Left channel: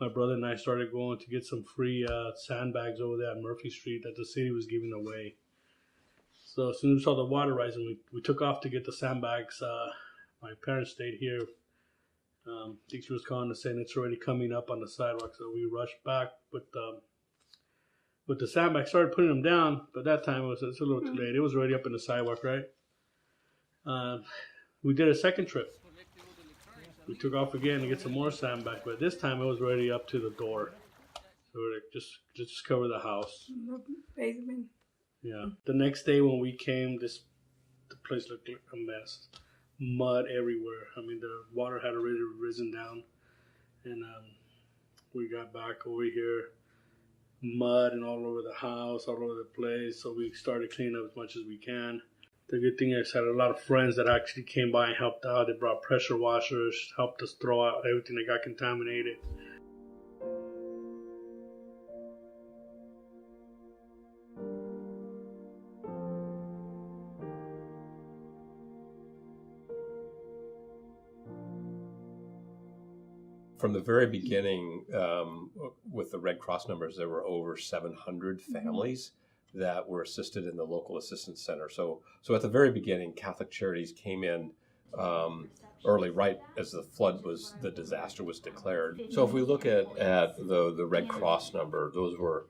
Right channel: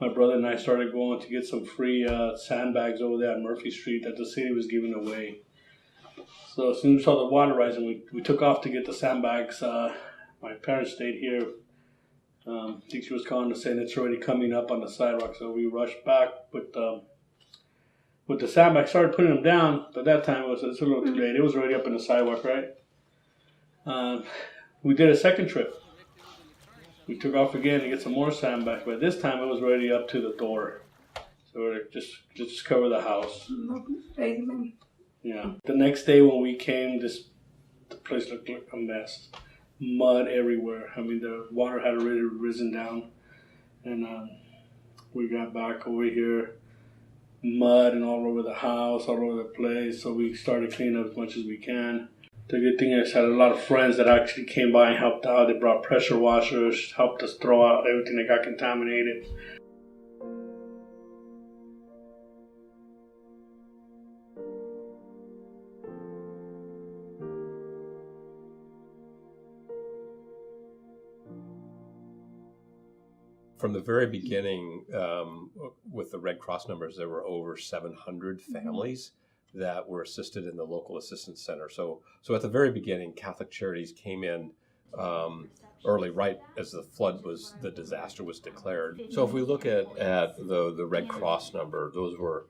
my brother and I started going to get some free sandbags over there on Murphy Street that the city was giving away. So as soon as we saw the water rising, we took off to get the sandbags. My parents stayed here. I think she was calling to saying it's already coming up on the sidewalk, so we rushed back with the sandbags. Started putting them down, but that time it's a little too late. It was already up in the sidewalk, right? We did a second trip. We took off again to get some more sandbags, but this time it was already up to the door. So we're just cover the house. Yeah. The next day when we came, the place looked like a mess. Mud everywhere. I mean, the water had already risen down, and we got back over here, mud and all over the house, all over the place. So we started cleaning up as much as we can. The good thing is I had a lot of friends that actually came by and helped out. They brought pressure washers, helped us throw out everything that got contaminated. From the very beginning, with the Red Cross numbers, there were over 700 families that were assisted in the local assistance center. So at the very beginning, Catholic Charities came in early, right as the disaster was declared. So if we look at the Red Cross number, those were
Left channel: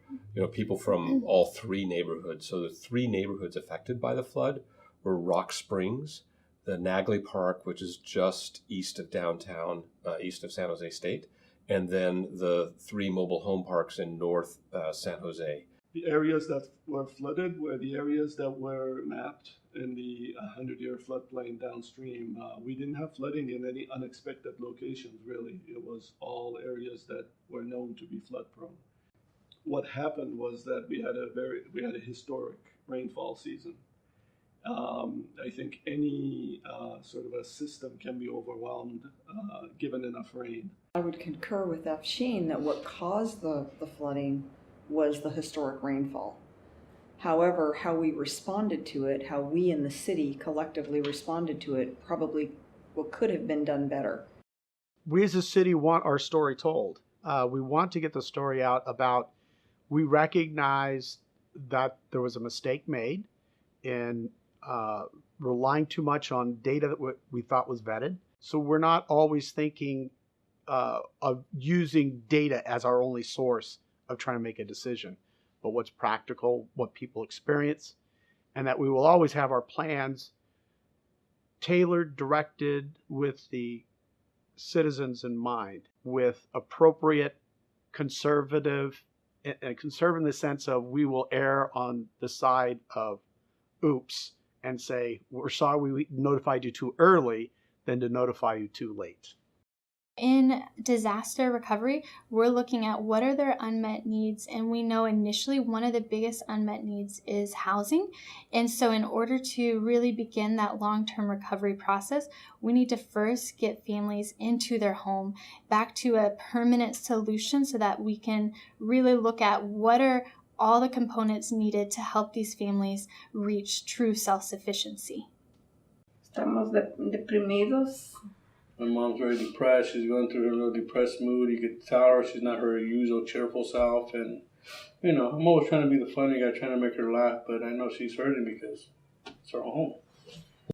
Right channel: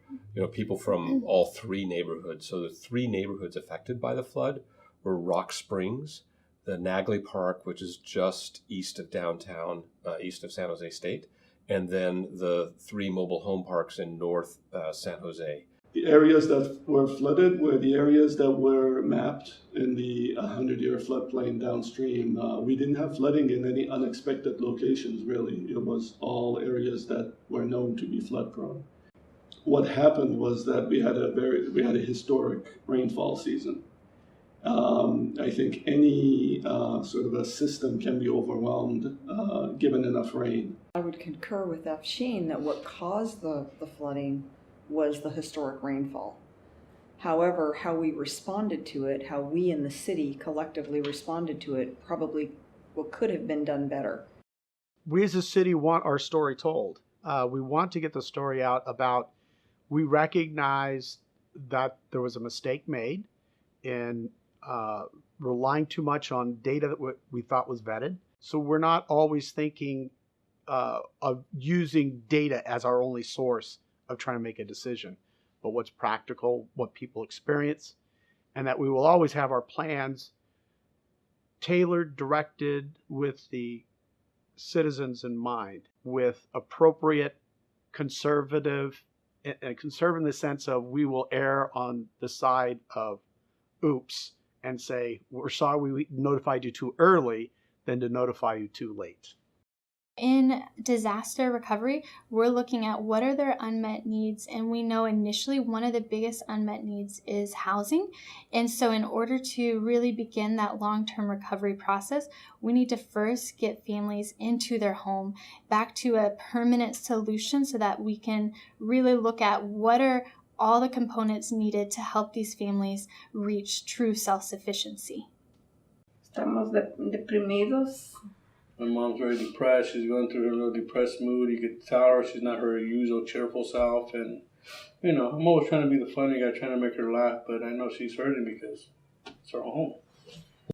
people from all three neighborhoods. So the three neighborhoods affected by the flood were Rock Springs, the Nagley Park, which is just east of downtown, east of San Jose State, and then the three mobile home parks in North San Jose. The areas that were flooded were the areas that were mapped in the 100-year floodplain downstream. We didn't have flooding in any unexpected locations, really. It was all areas that were known to be flood prone. What happened was that we had a historic rainfall season. I think any sort of a system can be overwhelmed given enough rain. I would concur with Afshin that what caused the flooding was the historic rainfall. However, how we responded to it, how we in the city collectively responded to it, probably what could have been done better. We as a city want our story told. We want to get the story out about, we recognize that there was a mistake made in relying too much on data that we thought was vetted. So we're not always thinking of using data as our only source of trying to make a decision, but what's practical, what people experience, and that we will always have our plans tailored, directed with the citizens in mind, with appropriate conservative in the sense of we will err on the side of oops and say, we're sorry we notified you too early than to notify you too late. In disaster recovery, we're looking at what are their unmet needs, and we know initially one of the biggest unmet needs is housing. And so in order to really begin that long-term recovery process, we need to first get families into their home, back to a permanent solution so that we can really look at what are all the components needed to help these families reach true self-sufficiency. Estamos deprimidos. My mom's very depressed. She's going through her little depressed mood. You could tell her she's not her usual cheerful self. And, I'm always trying to be the funny guy, trying to make her laugh. But I know she's hurting because it's her home.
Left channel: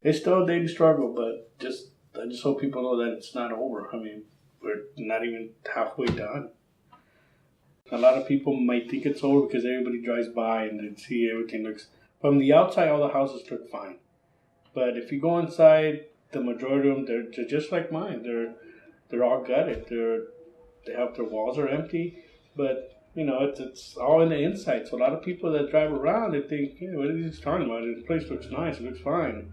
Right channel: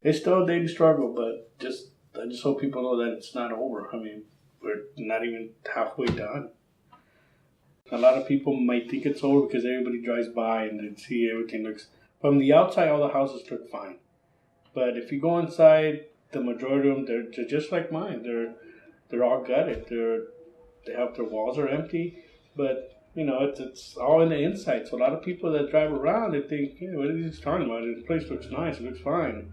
It's still a daily struggle, but I just hope people know that it's not over. I mean, we're not even halfway done. A lot of people might think it's over because everybody drives by and they see everything looks... From the outside, all the houses look fine. But if you go inside, the majority of them, they're just like mine. They're all gutted. They have their walls are empty, but it's all in the inside. So a lot of people that drive around, they think, what are these talking about? This place looks nice. It looks fine,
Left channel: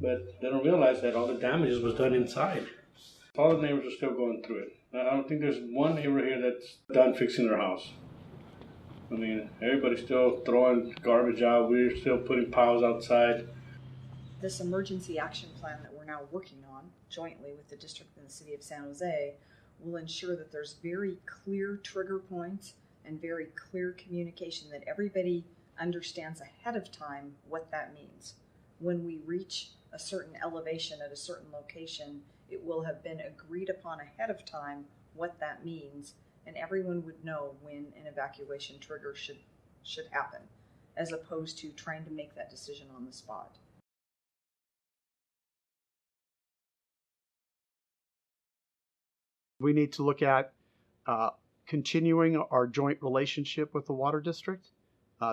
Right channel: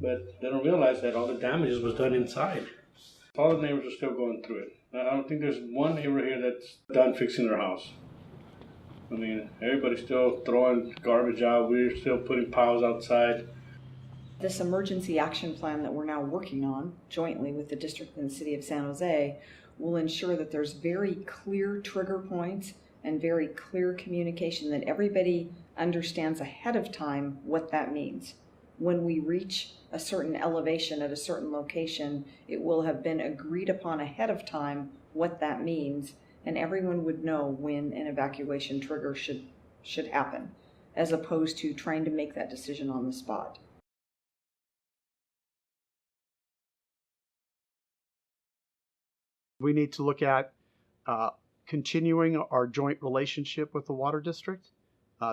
but they don't realize that all the damage was done inside. All the neighbors are still going through it. I don't think there's one neighbor here that's done fixing their house. I mean, everybody's still throwing garbage out. We're still putting piles outside. This emergency action plan that we're now working on jointly with the district and the city of San Jose will ensure that there's very clear trigger points and very clear communication that everybody understands ahead of time what that means. When we reach a certain elevation at a certain location, it will have been agreed upon ahead of time what that means, and everyone would know when an evacuation trigger should happen, as opposed to trying to make that decision on the spot. We need to look at continuing our joint relationship with the water district.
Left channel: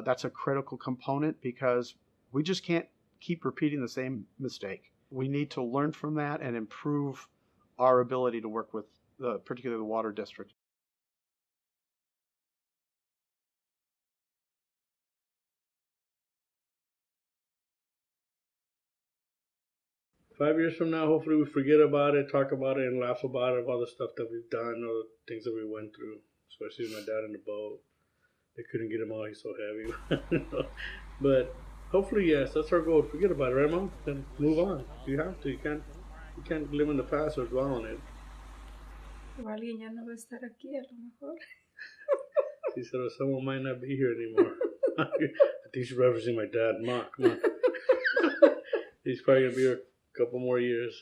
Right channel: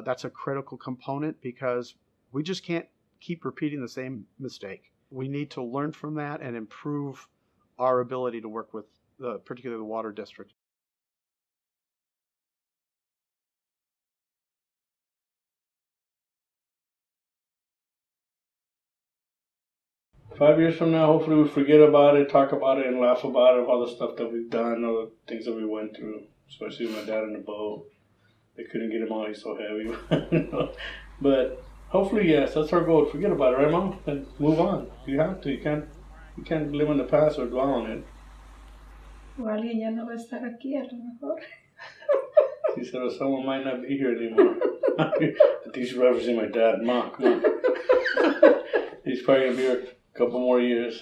That's a critical component because we just can't keep repeating the same mistake. We need to learn from that and improve our ability to work with particularly the water district. Five years from now, hopefully we forget about it, talk about it, and laugh about it, all the stuff that we've done, all the things that we went through, especially with my dad in the boat. They couldn't get him out, he's so heavy. But hopefully, yes, that's our goal. Forget about it, right, Mom? And move on. You have to. You can't live in the past or dwell on it. O alguien ya no va a estar aquí, a lo mejor. She said, oh, someone might not be here anymore. I think she's referencing my dad. Mom, come on. He's probably going to be here a couple more years.